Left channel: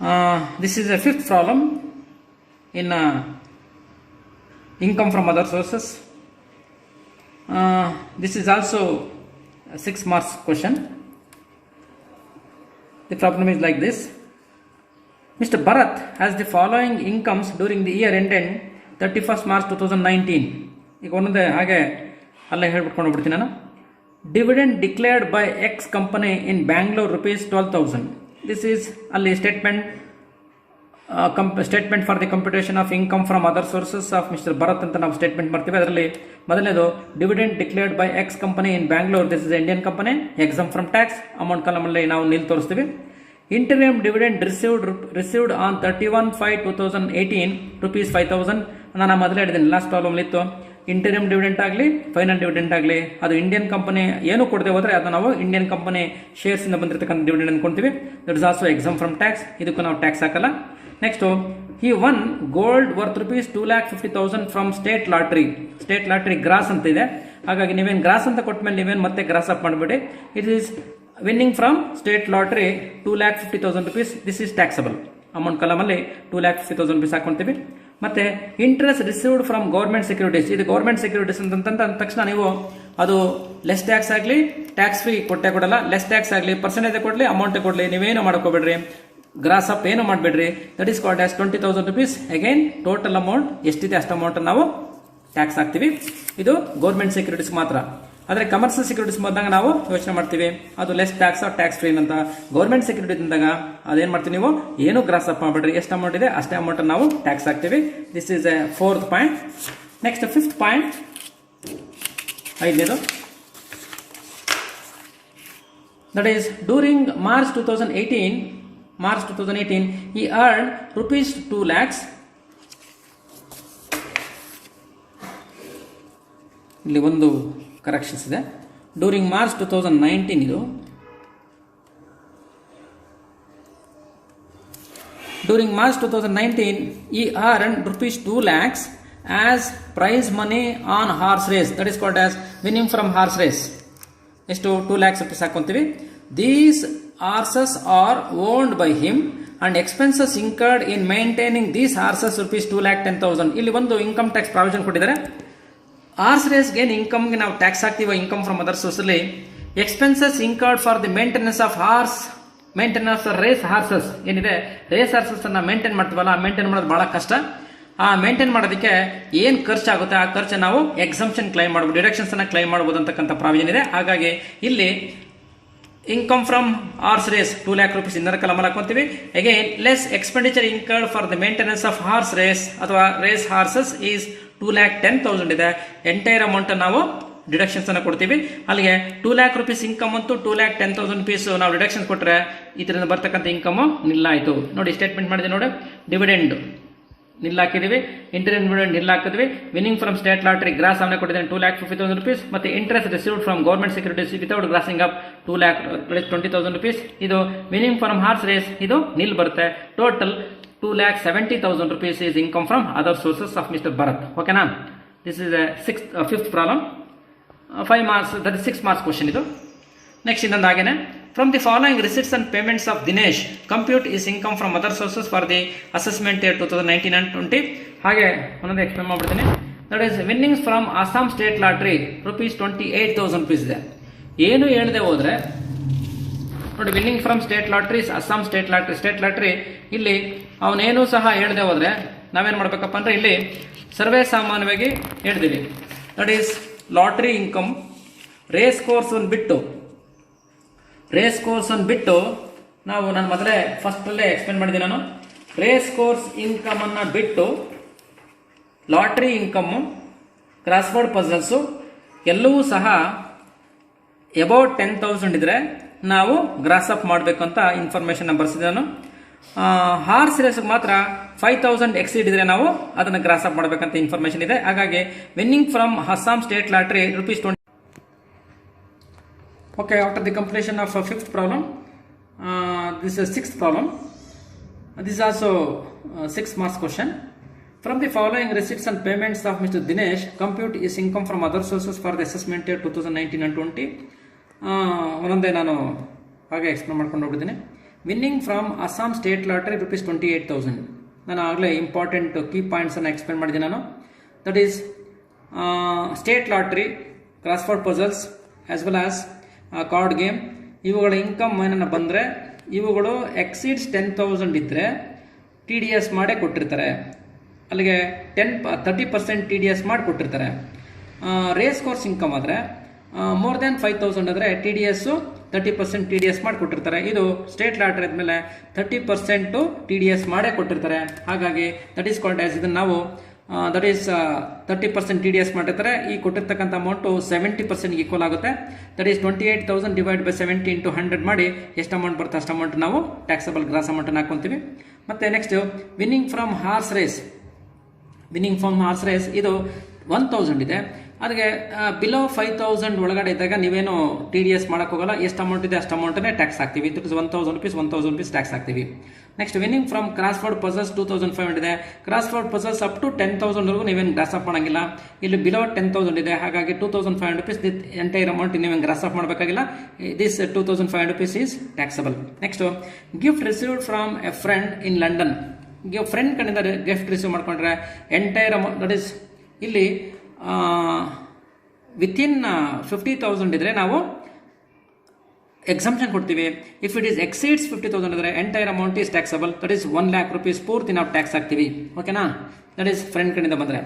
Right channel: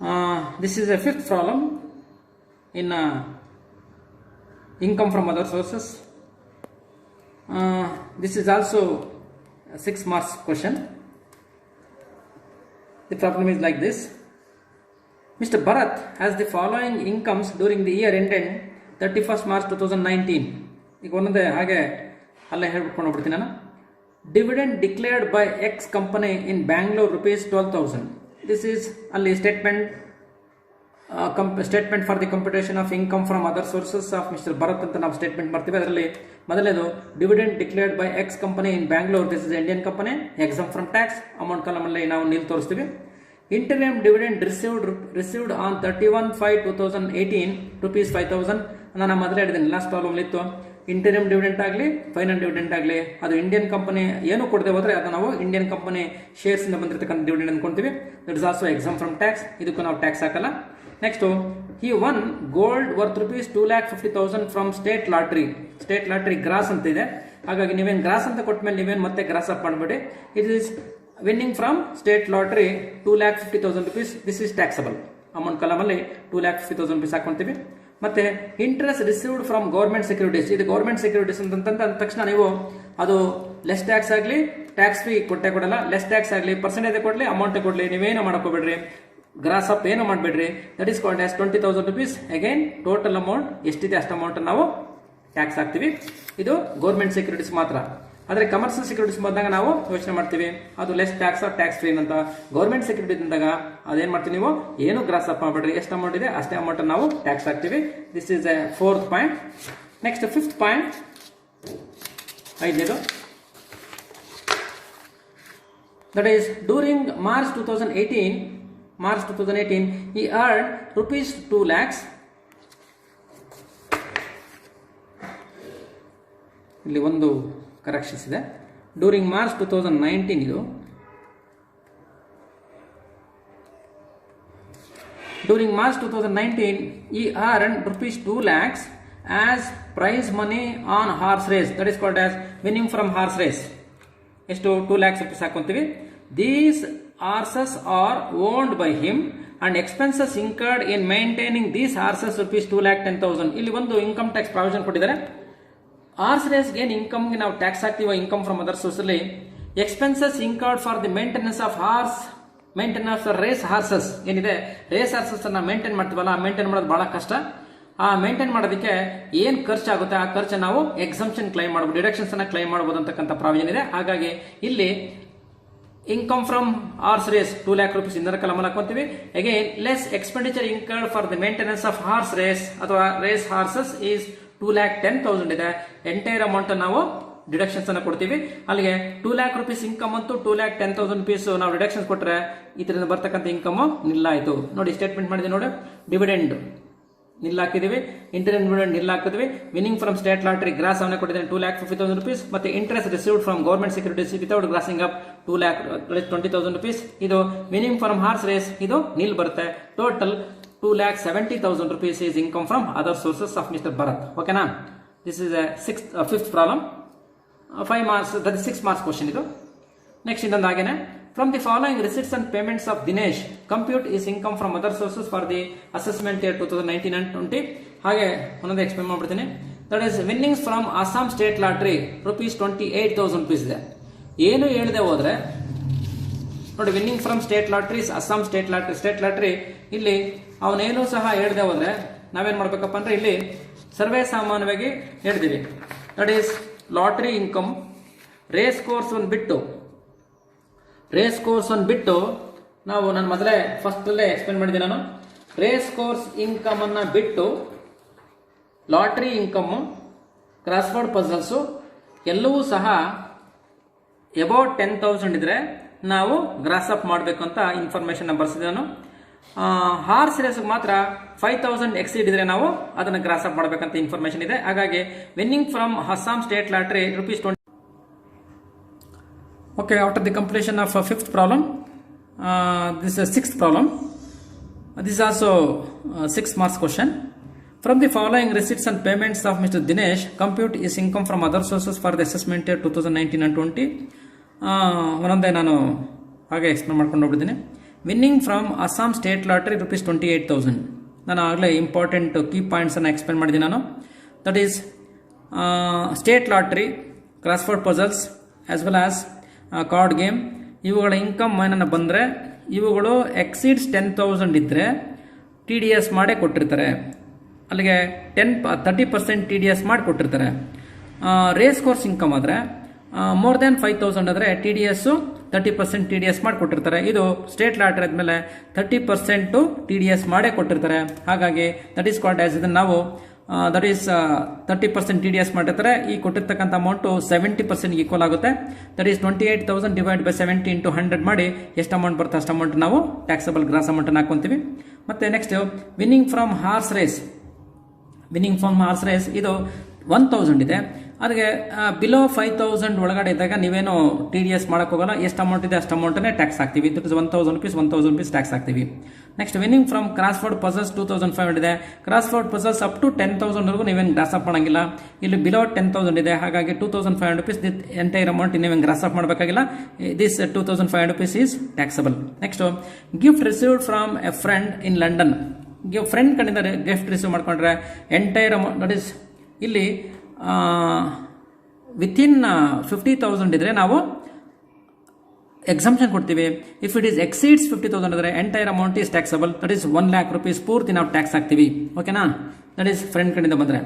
This is a fifth problem in income from other sources. This is also a 6 marks question. The problem is like this. Mr. Bharat has the following incomes during the year ended 31st March 2019. ಈಗ ಒಂದೊಂದೇ ಹಾಗೆ ಅಲ್ಲೇ ಹೇಳ್ಬಿಟ್ಕೊಂಡು ಹೋಗ್ಬಿಡ್ತೀನಿ ನಾನು. Dividend declared by X company in Bangalore rupees 12,000. This is ಅಲ್ಲಿ statement for the computation of income from other sources of mister Bharat ಅಂತ ನಾವು ಸ್ಟೇಟ್ಮೆಂಟ್ ಮಾಡ್ತೀವಿ. ಅದರಲ್ಲಿ ಮೊದಲನೇದು dividend declared by X company in Bangalore, this is Indian company, exempt from tax, amount ಕಾಲಮಲ್ಲಿ ನಾವು nil ತೋರಿಸ್ತೀವಿ. Interim dividend received on 31/5/2018 rupees 5,000. ನಾನು ಮೊದಲೇ ಹೇಳಿದ್ದೀನಿ ಲಾಸ್ಟ್ ಪ್ರಾಬ್ಲಮ್ ಇತ್ತು. ಇಂಟರಿಮ್ ಡಿವಿಡೆಂಟ್ ಆಗಲಿ ಫೈನಲ್ ಡಿವಿಡೆಂಟ್ ಆಗಲಿ ಅದು ಇಂಡಿಯನ್ ಕಂಪನಿ ಏನು ಕೊಡದೆ ಹೋದರೆ ಅದು ನಾವು ಇಂಡಿಯನ್ ಕಂಪನಿ ಶೇರ್ಸ್ ಇಂದ ಬಂದಿರತಕ್ಕಂಥ ಡಿವಿಡೆಂಡ್ ಅನ್ಕೊಂತೀವಿ. That is also exempt from tax, ಇದಕ್ಕೂ ನಾವು ಟ್ಯಾಕ್ಸ್ ಹಾಕಲ್ಲ. Next he won gold worth rupees 2,50,000 from state lottery gross ಅಂತ ಇದೆ. ಹಾಗಾಗಿ ನೀವೇನು ಗ್ರಾಸ್ ಅಂತ ಕೊಟ್ಟ ಮೇಲೆ ನೀವೇನು ಮತ್ತೆ ಗ್ರಾಸ್ ಅಪ್ ಮಾಡಬೇಡಿ. It is winning from state lottery 2,50,000 rupees. This is taxable. Amount ಕಾಲಮಲ್ಲಿ 2,50,000 rupees ಹಾಕೊಂತೀವಿ. ಮತ್ತೆ interest received from government securities, ಇದು ಗೌರ್ಮೆಂಟ್ ಸೆಕ್ಯೂರಿಟೀಸ್ ಅಂದ ತಕ್ಷಣ ನೀವು ಅದು ಲೆಸ್ ಟ್ಯಾಕ್ಸ್ ಆಗಲಿ ಟ್ಯಾಕ್ಸ್ ಫ್ರೀ ಕೊಡಲ್ಲ, ಲೆಸ್ ಟ್ಯಾಕ್ಸ್ ಆಗಲಿ ಪರ್ಸೆಂಟೇಜ್ ಕೊಡಲಿ ಅಮೌಂಟ್ ಕೊಡಲಿ ನೀವೇನು ಮಾಡ್ಕೋಬೇಡ್ರಿ, ಗ್ರಾಸ್ ಅಪ್ ಏನು ಮಾಡಬೇಡ್ರಿ. That is called as 20,000 rupees. Again total amount ಎಷ್ಟಿದೆ ಅಷ್ಟು ಅಮೌಂಟ್ ನಾವು ಟ್ಯಾಕ್ಸ್ ಹಾಕ್ತಿವಿ. ಇದು ಗೌರ್ಮೆಂಟ್ ಸೆಕ್ಯೂರಿಟೀಸ್ ಮಾತ್ರ. ಆದರೆ ಕಮರ್ಷಿಯಲ್ ಸೆಕ್ಯೂರಿಟೀಸ್ ಬಂದಾಗ ನಾವು ಯೋಚನೆ ಮಾಡ್ತೀವಿ ಅದು less tax of tax free ಅಂತ. ಗೌರ್ಮೆಂಟ್ ಸೆಕ್ಯೂರಿಟೀಸ್ ಅಂದಾಗ ಅದೇನು ಮಾಡ್ತೀವಿ, ನೀವು ಏನು ಗ್ರಾಸ್ ಅಪ್ ಮಾಡಬೇಡ್ರಿ, ಎಷ್ಟು ಅಮೌಂಟ್ ಇದೆ ಅಷ್ಟೇ ಅಮೌಂಟ್ ನಾವು ಟ್ಯಾಕ್ಸ್ ಹಾಕ್ತೀವಿ. This is a 4th point. Next 5th point, ಐದನೇದು, that is during March 2018 he earned rupees 2 lakhs. ಇಲ್ಲಿ ಒಂದು ಕರೆಕ್ಷನ್ಸ್ ಇದೆ. ಡ್ಯೂರಿಂಗ್ ಮಾರ್ಚ್ 2019 ಇದು. During March 2019 he earned rupees 2 lakhs as prize money on horse race. That is called as winning from horse race. ಎಷ್ಟು 2 lakhs rupees ಹಾಕೊಂತೀವಿ. These horses are owned by him and expenses incurred in maintaining these horses rupees 2,10,000. ಇಲ್ಲಿ ಒಂದು income tax provision ಕೊಟ್ಟಿದ್ದಾರೆ. Horse ರೇಸ್ಗೆ ಏನು ಇನ್ಕಮ್ಗೆ ನಾವು tax ಹಾಕ್ತೀವಿ income from other ಸೋರ್ಸಲ್ಲಿ, expenses incurred for the maintenance of race horses ಏನಿದೆ, ರೇಸ್ ಹಾರ್ಸಸ್ ಅನ್ನ ಮೇಂಟೈನ್ ಮಾಡ್ತೀವಲ್ಲ, ಆ ಮೇಂಟೈನ್ ಮಾಡೋದು ಬಹಳ ಕಷ್ಟ. ಆ ಮೇಂಟೈನ್ ಮಾಡೋದಕ್ಕೆ ಏನು ಖರ್ಚಾಗುತ್ತೆ ಆ ಖರ್ಚು ನಾವು ಎಕ್ಸಂಪ್ಷನ್ ಕ್ಲೈಮ್ ಮಾಡ್ಬೋದು, ಡಿಡಕ್ಷನ್ಸ್ ಅನ್ನ ಕ್ಲೈಮ್ ಮಾಡ್ಬೋದು ಅಂತಕ್ಕಂಥ ಪ್ರಾವಿಷನ್ ಇದೆ. ಹಾಗಾಗಿ ಇಲ್ಲಿ income from horse race 2 lakh rupees ಇನ್ನರ ಕಲಮಲ್ಲಿ ಹಾಕೊಂತೀವಿ. Again less expenditure incurred for the maintenance of horse race ಅಥವಾ ರೇಸ್ ಹಾರ್ಸಸ್ ಈಸ್ 2,10,000 ಇದೆ. ಎಂಟೈರ್ ಅಮೌಂಟ್ ನಾವು ಡಿಡಕ್ಷನ್ಸ್ ಅನ್ನು ಕೊಡ್ತೀವಿ. ಅಲ್ಲಿಗೆ 2 lakh rupees ಇನ್ಕಮ್ ಅಂತೂ 2,10,000 rupees ನಾವು ಡಿಡಕ್ಷನ್ ಕೊಟ್ಟರೆ ಇದರಿಂದ ಬರ್ತಕ್ಕಂಥ ಇನ್ಕಮ್ ನಿಲ್ಲಾಯಿತು. ನೋಡಿ ಸ್ಟೇಟ್ಮೆಂಟ್ ಮಾಡಿದೆ ನೋಡಿ, ಡಿವಿಡೆಂಡ್ ನಿಲ್ ಹಾಕಿದೀವಿ, ಇಂಟರಿಮ್ ಡಿವಿಡೆಂಡ್ ನಿಲ್ ಹಾಕಿದ್ವಿ, winning from state lottery gross ಅವನೇ ಕೊಟ್ಟಿದ್ದೇನೆ 2,50,000 rupees, ಮತ್ತೆ interest received from government securities without grossing up 2,20,000 rupees. ಇದು ವಿನ್ನಿಂಗ್ ಫ್ರಮ್ ಹಾರ್ಸ್ ರೇಸ್ ಇದು ನಿಲ್ ಬರುತ್ತೆ. Total 2,70,000 rupees is income from other sources of Mr. Bharat. Okay na? This is a 5th problem. 5 marks, that is 6 marks question idu. Next ಇನ್ನೊಂದು ಹಾಗೇನೆ, from the following receipts and payments of Dinesh, compute is income from other sources for the assessment year 2019 and 20. ಹಾಗೆ ಒಂದೊಂದು explain ಮಾಡ್ಬಿಡ್ತೀನಿ. That is winnings from Assam state lottery rupees 28,000 rupees ಇದೆ. ಏನು ಹೇಳದೆ ಹೋದ್ರೆ ನೋಡಿ, winning from state lotteries, Assam state lottery ಇಲ್ಲಿ ಅವನೇನು ಸಹ ಹೇಳದೆ ಹೋದ್ರೆ ನಾವೇನು ಮಾಡ್ಬೇಕಪ್ಪ ಅಂದ್ರೆ ಇಲ್ಲಿ ಸರ್ವೇ ಸಾಮಾನ್ಯವಾಗಿ ಹೇಳಿದೀವಿ. That is lottery income, race course ಬಿಟ್ಟು ನಾವು ನಾನು ಮೊದಲೇ ಫಸ್ಟಲ್ಲೇ ಎಕ್ಸ್ಪ್ಲೇನ್ ಮಾಡಿದ್ದೀನಿ ನಾನು. ರೇಸ್ ಕೋರ್ಸ್ ಇನ್ಕಮ್ ಅನ್ನ ಬಿಟ್ಟು ಲಾಟ್ರಿ ಇನ್ಕಮ್, ಕ್ರಾಸ್ವರ್ಡ್ ಪಜಲ್ಸು ಎಲ್ಲವೂ ಸಹ ಅಬೌಟ್ 10,000 ಇದ್ರೆ ನಾವು ಗ್ರಾಸ್ ಅಪ್ ಮಾಡಬೇಕು ಅಂತ ಇನ್ಫಾರ್ಮೇಶನ್ ಬರ್ಸಿದೆ ನಾನು. ಹಾರ್ಸ್ ರೇಸ್ ಮಾತ್ರ 5,000 ಎಕ್ಸೀಡ್ ಇದ್ರೆ ನಾವು ಅದನ್ನ ಗ್ರಾಸ್ ಅಪ್ ಮಾಡಬೇಕಂತ ಇನ್ಫಾರ್ಮೇಶನ್ ಇದೆ. ಹಾಗಾಗಿ winning from Assam state lottery rupees 20. Okay, after the completion of 5th problem, this is 6th problem. This is also 6 marks question. From the following receipts and payments of Mr. Dinesh, compute is income from other sources for the assessment year 2019 and 20. ಒಂದೊಂದೇ ನಾನು ಹಾಗೆ explain ಮಾಡ್ಕೊಂಡು ಹೋಗಿದ್ದೀನಿ. Winning from Assam state lottery rupees 28,000. ನಾನು ಆಗಲೇ important key ಪಾಯಿಂಟ್ಸನ್ನು explain ಮಾಡಿದ್ದೀನಿ ನಾನು. That is state lottery, crossword puzzles as well as card game, ಇವುಗಳ ಇನ್ಕಮ್ ಏನನ್ನ ಬಂದರೆ ಇವುಗಳು ಎಕ್ಸೀಡ್ಸ್ 10,000 ಇದ್ದರೆ TDS ಮಾಡೇ ಕೊಟ್ಟಿರ್ತಾರೆ. ಅಲ್ಲಿಗೆ 30% TDS ಮಾಡಿ ಕೊಟ್ಟಿರ್ತಾರೆ. ರೇಸ್ ಕೋರ್ಸ್ ಇನ್ಕಮ್ ಆದರೆ ಮೋರ್ ದೆನ್ 5,000 ಆದರೆ TDS 30% TDS ಮಾಡಿ ಕೊಟ್ಟಿರ್ತಾರೆ. ಇದು ಸ್ಟೇಟ್ ಲಾಟ್ರಿ ಆದಮೇಲೆ 30% TDS ಮಾಡೇ ಕೊಟ್ಟಿರ್ತಾರೆ. ಹಾಗಾಗಿ ದಟ್ ಈಸ್ ಕಾಲ್ಡ್ ಆಸ್, ಇದನ್ನು ನಾವು ದಟ್ ಈಸ್ 30% TDS ಮಾಡಿರ್ತಾರೆ. ಈ ಕೊಟ್ಟಿರ್ತಕ್ಕಂಥ ಅಮೌಂಟು 70% ಈಕ್ವಲ್ ಆಗುತ್ತೆ. That is 28,000 divide by 70 into 100 ಮಾಡಿ ಎಷ್ಟು ಅಮೌಂಟ್ ಬರುತ್ತೆ ಅಷ್ಟು ಅಮೌಂಟ್ ನಾವು ಟ್ಯಾಕ್ಸಬಲ್ ಗ್ರಾಸ್ ಅಮೌಂಟನ್ನು ಹಾಕೊತೀವಿ. ಮತ್ತು next winning from horse race. Winning from horse race ಇದು 1,000 ಇದೆ. ಅದಕ್ಕೆ ಬಿಲೋ 5,000 ಒಳಗಡೆ ಇದ್ದಾಗ ನೀವೇನು TDS ಮಾಡೋಕ್ಕೆ ಹೋಗಲ್ಲ. ಎಷ್ಟು ಅಮೌಂಟ್ ಇದೆ ಅಷ್ಟು ಅಮೌಂಟನ್ನೇ ಟ್ಯಾಕ್ಸ್ ಹಾಕ್ತೀವಿ. ಇಟ್ ಇಸ್ 1,000 rupees ಟ್ಯಾಕ್ಸ್ ಹಾಕ್ತೀವಿ. Next winning from crossword puzzles 2,500 ಇದೆ. ಕ್ರಾಸ್ವರ್ಡ್ ಪಜಲ್ಸ್ ಅಪ್ ಟು 10,000 ನೀವೇನು ಗ್ರಾಸ್ ಅಪ್ ಮಾಡೋಂಗಿಲ್ಲ. ಇಲ್ಲಿ ಬಿಲೋ 10,000 ಇದೆ. ಹಾಗಾಗಿ 2,500 rupees ಎಂಟೈರ್ ಅಮೌಂಟ್ ನೀವೇನು ಗ್ರಾಸ್ ಅಪ್ ಮಾಡಬೇಕಾಗಿಲ್ಲ. This 2,500 rupees is taxable. Next gift received from A friend in London. Friend ಕಡೆಯಿಂದ ಗಿಫ್ಟ್ ರಿಸೀವ್ ಮಾಡ್ಕೊಂಡ್ರೆ ಎಂಟೈರ್ ಅಮೌಂಟ್ ದಟ್ ಈಸ್ ಇಲ್ಲಿ ವಿತಿನ್ 50,000 ಇದ್ರೆ ನಾವು ಎಕ್ಸಂಪ್ಷನ್ ಕೊಡ್ತೀವಿ. ಇಫ್ ಇಟ್ ಈಸ್ ಎಕ್ಸೀಡ್ಸ್ 50,000 ಇದ್ರೆ entire amount is taxable. That is 1,00,000 rupees ಪೂರ್ತಿ ನಾವು tax ಹಾಕ್ತೀವಿ. ಓಕೆನಾ? ದಟ್ ಈಸ್ ಫ್ರೆಂಡ್ ಕಡೆಯಿಂದ ಬಂದರೆ.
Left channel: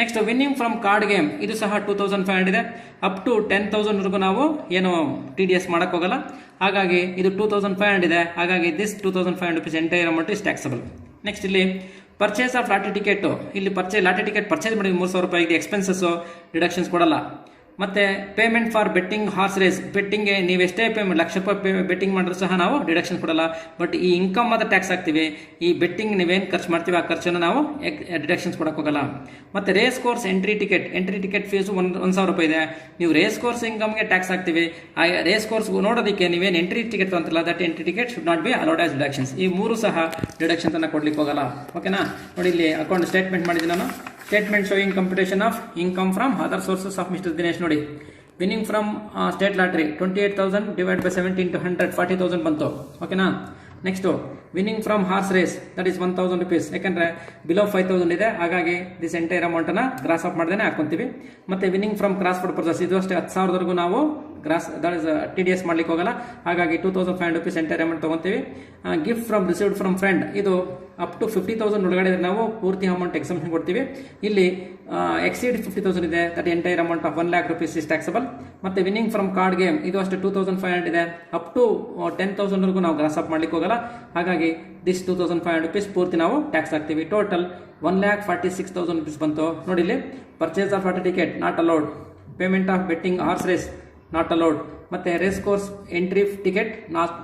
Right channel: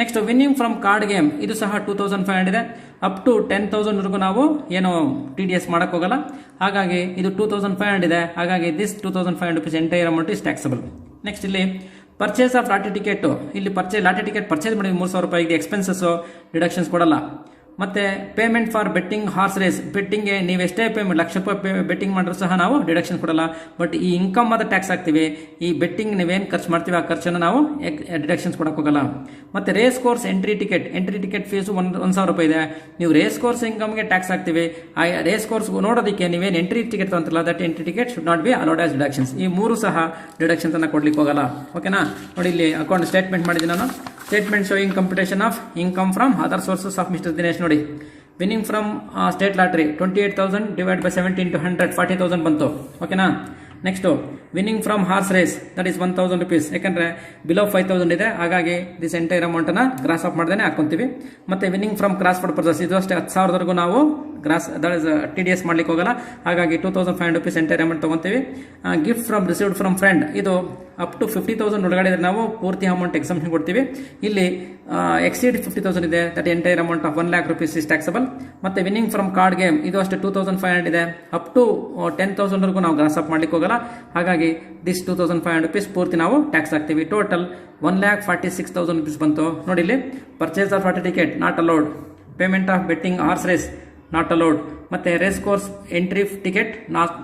Next winning from card game ಇದು ಸಹ 2,500 ಇದೆ. ಅಪ್ ಟು 10,000 ನಾವು ಏನು TDS ಮಾಡಕ್ಕೆ ಹೋಗಲ್ಲ. ಹಾಗಾಗಿ ಇದು 2,500 ಇದೆ. ಹಾಗಾಗಿ this 2,500 rupees entire amount is taxable. Next ಇಲ್ಲಿ ಪರ್ಚೇಸ್ ಆಫ್ ಲಾಟರಿ ಟಿಕೆಟ್. ಇಲ್ಲಿ ಲಾಟರಿ ಟಿಕೆಟ್ ಪರ್ಚೇಸ್ ಮಾಡಿ 3,000 ರೂಪಾಯಿಗೆ ಎಕ್ಸ್ಪೆನ್ಸಸ್ ಡಿಡಕ್ಷನ್ಸ್ ಕೊಡಲ್ಲ. ಮತ್ತೆ payment for betting horse race, ಬೆಟ್ಟಿಂಗ್ಗೆ ನೀವು ಎಷ್ಟೇ ₹1,00,000 ಬೆಟ್ಟಿಂಗ್ ಮಾಡಿದ್ರು ಸಹ ನಾವು ಡಿಡಕ್ಷನ್ ಕೊಡಲ್ಲ. ಬಟ್ ಈ ಇನ್ಕಮ್ ಮಾತ್ರ ಟ್ಯಾಕ್ಸ್ ಹಾಕ್ತೀವಿ. ಈ ಬೆಟ್ಟಿಂಗ್ ನೀವೇನು ಖರ್ಚು ಮಾಡ್ತೀವಿ ಆ ಖರ್ಚನ್ನು ನಾವು ಡಿಡಕ್ಷನ್ಸ್ ಕೊಡಕ್ಕೆ ಹೋಗಲ್ಲ. ಮತ್ತೆ race course entry ticket fees 1,000 ರೂಪಾಯಿ ಇದೆ. ನೀವು ರೇಸ್ ಕೋರ್ಸ್ ಇನ್ಕಮ್ಗೆ ಟ್ಯಾಕ್ಸ್ ಹಾಕ್ತೀವಿ. ಆ ರೇಸ್ ಕೋರ್ಸ್ ನೋಡೋದಕ್ಕೆ ನೀವೇನು ಎಂಟ್ರಿ ಟಿಕೆಟ್ ತಗೊಂತಲ್ಲ, that entry ticket should not be allowed as deductions. ಈ ಮೂರು ಸಹ ಡಿಡಕ್ಷನ್ಸ್ ಅನ್ನು ಕೊಡ್ಲಿಕ್ಕೆ ಹೋಗಲ್ಲ. ಓಕೆನಾ? ನೋಡಿ ಇಲ್ಲಿ ಅಕೌಂಟ್ ಸ್ಟೇಟ್ಮೆಂಟ್ ಮಾಡಿದ್ದೀನಿ ನಾನು. Statement showing computation of income from other sources of mister Dinesh. ನೋಡಿ, winning from state lottery 28,000 divide by 70 into 100 40,000 ಬಂತು. ಓಕೆನಾ? Next winning from horse race that is 1,000 rupees. ಯಾಕಂದ್ರೆ ಬಿಲೋ 5,000 ಇದೆ. ಹಾಗಾಗಿ ದಿಸ್ ಎಂಟೈರ್ ಅಮೌಂಟನ್ನು ಗ್ರಾಸ್ ಅಪ್ ಮಾಡ್ದೇ ಹಾಕೊಂತೀವಿ. ಮತ್ತೆ ವಿನ್ನಿಂಗ್ ಫ್ರಮ್ ಕ್ರಾಸ್ವರ್ಡ್ ಪರ್ಚೇಸ್ ಇದು ಅಷ್ಟೇ 10,000 ನಾವು ಗ್ರಾಸ್ ದಟ್ ಇಸ್ TDS ಮಾಡ್ಲಿಕ್ಕೆ ಹೋಗಲ್ಲ. ಹಾಗಾಗಿ 2,500 rupees ಎಂಟೈರ್ ಅಮೌಂಟ್ ತಗೊಂತೀವಿ. Gift from received from friend ಇದು ಅಪ್ ಟು 50,000 ಒಳಗಡೆ ನಾವು ಪೂರ್ತಿ ಅಮೌಂಟ್ ಎಕ್ಸಂಪ್ಷನ್ ಕೊಡ್ತೀವಿ. ಇಲ್ಲಿ ಎಕ್ಸೀಡ್ 50,000 ಇದೆ. That entire amount of 1,00,000 rupees is taxable. ಮತ್ತೆ ವಿನ್ನಿಂಗ್ ಫ್ರಮ್ ಕಾರ್ಡ್ ಗೇಮ್ ಇದು ಅಷ್ಟೇ 2,500 ಇದೆ. ಅಪ್ ಟು 10,000 ನಾವು ಗ್ರಾಸ್ ಅಪ್ ಮಾಡ್ಲಿಕ್ಕೆ ಹೋಗಲ್ಲ. ಹಾಗಾಗಿ ದಿಸ್ 2,500 rupees ಪೂರ್ತಿ ನಾವು ಟ್ಯಾಕ್ಸ್ ಹಾಕ್ತೀವಿ. ಟೋಟಲ್ 1,46,000 rupees ಬಂತು. ನೋಡಿ ಇಲ್ಲಿ purchase of lottery ticket not allowed, payment of betting horse race not allowed, ಮತ್ತೆ race course entry ticket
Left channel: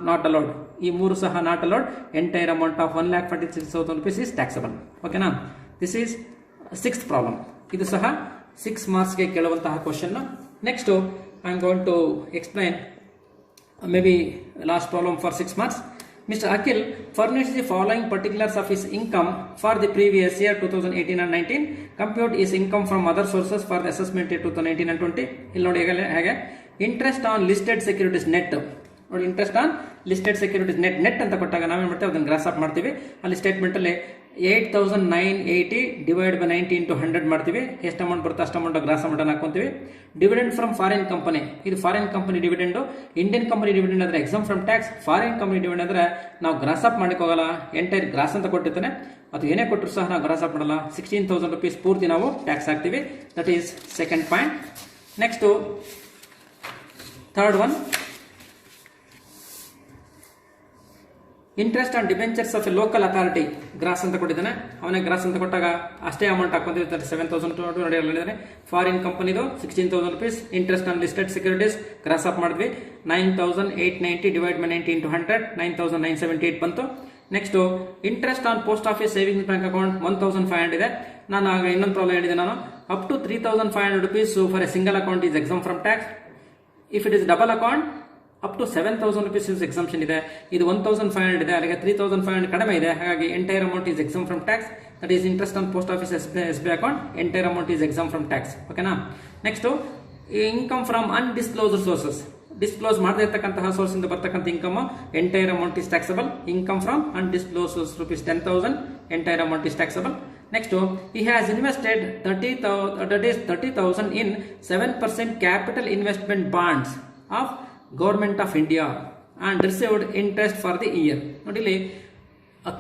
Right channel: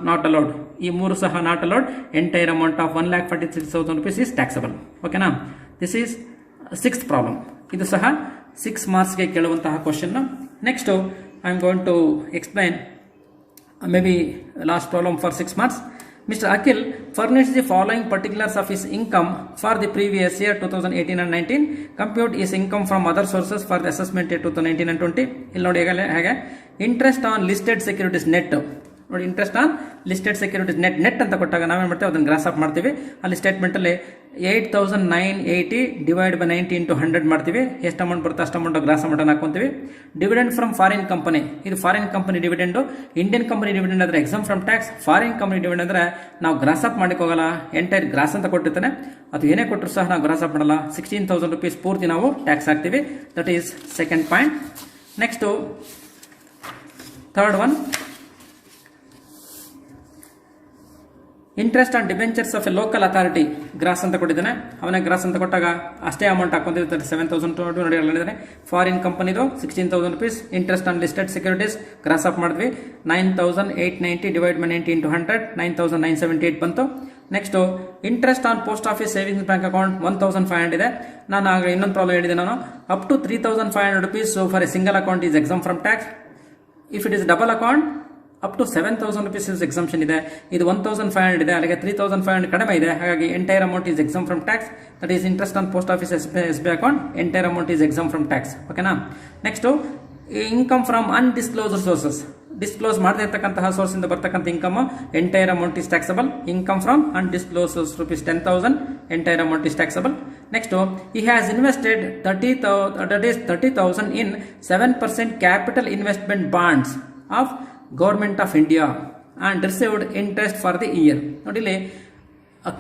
not allowed. ಈ ಮೂರು ಸಹ not allowed. Entire amount of 1,46,000 rupees is taxable. ಓಕೆನಾ? This is 6th problem. ಇದು ಸಹ 6 ಮಾರ್ಕ್ಸ್ಗೆ ಕೇಳುವಂತಹ question. Next I am going to explain maybe last problem for 6 marks. Mr. Akhil furnished the following particulars of his income for the previous year 2018 and 19. Compute his income from other sources for the assessment year 2019 and 20. ಇಲ್ಲಿ ನೋಡಿ ಹೇಗೆ interest on listed securities net. ನೋಡಿ, interest on listed securities net ಅಂತ ಕೊಟ್ಟಾಗ ನಾವೇನು ಮಾಡ್ತೀವಿ ಅದನ್ನು gross up ಮಾಡ್ತೀವಿ. ಅಲ್ಲಿ ಸ್ಟೇಟ್ಮೆಂಟಲ್ಲಿ 8,980 ಡಿವೈಡ್ ಬೈ 90 into 100 ಮಾಡ್ತೀವಿ. ಎಷ್ಟು ಅಮೌಂಟ್ ಬರುತ್ತೆ ಅಷ್ಟು ಅಮೌಂಟ್ ಗ್ರಾಸ್ ಅಮೌಂಟನ್ನು ಹಾಕೊಂತೀವಿ. ಡಿವಿಡೆಂಡ್ ಫ್ರಮ್ ಫಾರಿನ್ ಕಂಪನಿ ಇದು foreign company dividend. Indian company dividend ಅಂದರೆ exempt from tax. Foreign company dividend ಅಂದರೆ ನಾವು ಗ್ರಾಸ್ ಅಪ್ ಮಾಡಕ್ಕೆ ಹೋಗಲ್ಲ. ಎಂಟೈರ್ ಗ್ರಾಸ್ ಅಂತ ಕೊಟ್ಟಿರ್ತಾನೆ, ಅದು ಏನೇ ಕೊಟ್ಟರು ಸಹ ನಾವು ಗ್ರಾಸ್ ಅಪ್ ಮಾಡಲ್ಲ. 16,000 rupees ಪೂರ್ತಿ ನಾವು ಟ್ಯಾಕ್ಸ್ ಹಾಕ್ತೀವಿ. That is second point. Next third one, interest on debentures of a local authority gross ಅಂತ ಕೊಟ್ಟಿದ್ದಾನೆ. ಅವನೇ ಗ್ರಾಸ್ ಅಂತ ಕೊಟ್ಟಾಗ ಅಷ್ಟೇ ಅಮೌಂಟ್ ಹಾಕೊಂತಿರ್ತಾರೆ. 7,200 ಹೇಳಿದರೆ ಫಾರಿನ್ ಕಂಪನಿದು 16,000 rupees. Interest on listed securities gross up ಮಾಡಿದ್ವಿ. 9,890 ಡಿವೈಡ್ ಬೈ 90 into 100 9,978 ಬಂತು. Next interest on post office savings bank account 1,500 ಇದೆ. ನಾನು ಆಗ ಇನ್ನೊಂದು ಪ್ರಾಬ್ಲಮ್ ಹೇಳಿದೆ ನಾನು. Up to 3,500 rupees for a single account is exempt from tax. If it is double account up to 7,000 rupees exemption ಇದೆ. ಇದು 1,500 ಇದೆ. ಅಲ್ಲಿಗೆ 3,500 ಕಡಿಮೆ ಇದೆ. ಹಾಗಾಗಿ entire amount is exempt from tax. That is interest on post office SBI account. Entire amount is exempt from tax. ಓಕೆನಾ? Next income from undisclosed sources disclose ಮಾಡದೇ ಇರ್ತಕ್ಕಂತಹ ಸೋರ್ಸ್ ಇಂದ ಬರ್ತಕ್ಕಂಥ income entire amount is taxable. Income from undisclose rupees 10,000 entire amount is taxable. Next, he has invested 30,000 in 7% capital investment bonds of Government of India and received interest for the year. ನೋಡಿ ಇಲ್ಲಿ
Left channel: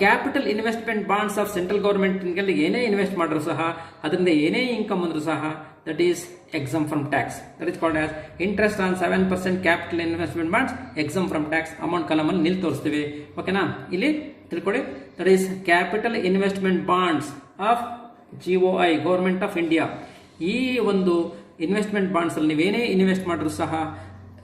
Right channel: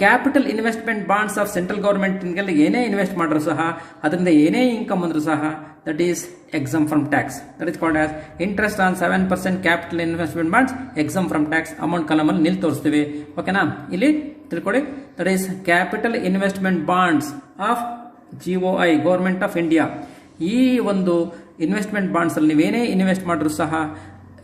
capital investment bonds of central government ಏನೇ invest ಮಾಡಿದ್ರು ಸಹ ಅದರಿಂದ ಏನೇ income ಅಂದ್ರೂ ಸಹ that is exempt from tax. That is called as interest on 7% capital investment bonds exempt from tax. Amount ಕಾಲಮಲ್ಲಿ ನಿಲ್ ತೋರಿಸ್ತೀವಿ. ಓಕೆನಾ, ಇಲ್ಲಿ ತಿಳ್ಕೊಳ್ಳಿ. That is capital investment bonds of GOI government of India. ಈ ಒಂದು ಇನ್ವೆಸ್ಟ್ಮೆಂಟ್ ಬಾಂಡ್ಸ್ ಅಲ್ಲಿ ನೀವೇನೇ invest ಮಾಡಿದ್ರು ಸಹ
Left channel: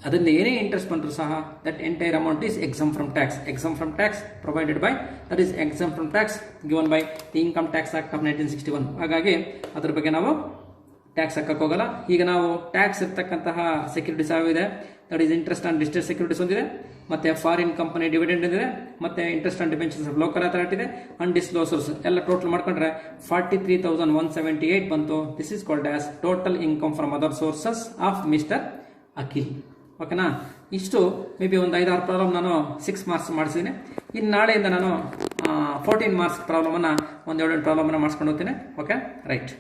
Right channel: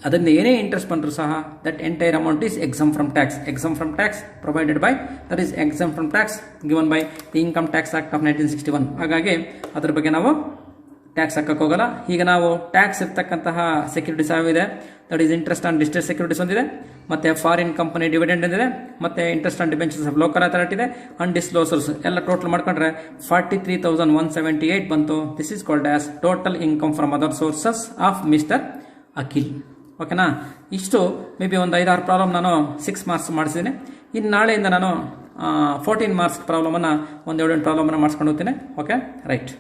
ಅದರಿಂದ ಏನೇ ಇಂಟ್ರೆಸ್ಟ್ ಬಂದರೂ ಸಹ that entire amount is exempt from tax. Exam from tax provided by that is exempt from tax given by the income tax act of 1961. ಹಾಗಾಗಿ ಅದ್ರ ಬಗ್ಗೆ ನಾವು ಟ್ಯಾಕ್ಸ್ ಹಾಕಕ್ಕೆ ಹೋಗಲ್ಲ. ಈಗ ನಾವು ಟ್ಯಾಕ್ಸ್ ಇರ್ತಕ್ಕಂತಹ ಸೆಕ್ಯೂರಿಟೀಸ್ ಯಾವಿದೆ, that is interest on listed securities ಒಂದಿದೆ, ಮತ್ತೆ ಫಾರಿನ್ ಕಂಪನಿ ಡಿವಿಡೆಂಡ್ ಇದೆ, ಮತ್ತೆ interest on debentures of local authority ಇದೆ, ಅನ್ಡಿಸ್ಕ್ಲೋಸರ್ಸ್ ಎಲ್ಲ ಟೋಟಲ್ ಮಾಡ್ಕೊಂಡ್ರೆ 43,178 ಬಂತು. This is called as total income from other sources of mister Akhil. ಓಕೆನಾ, ಇಷ್ಟು ಮೇ ಬಿ ಒಂದು 5-6 ಪ್ರಾಬ್ಲಮ್ ನಾನು 6 ಮಾರ್ಕ್ಸ್ ಮಾಡಿಸಿದ್ದೀನಿ. ಇನ್ನು ನಾಳೆಯಿಂದ ನಾನು 14 ಮಾರ್ಕ್ಸ್ ಪ್ರಾಬ್ಲಮನ್ನು 1-2 ಪ್ರಾಬ್ಲಮನ್ನು ಮಾಡಿಸ್ಕೊಂಡು ಹೋಗ್ತೀನಿ. Okay, right.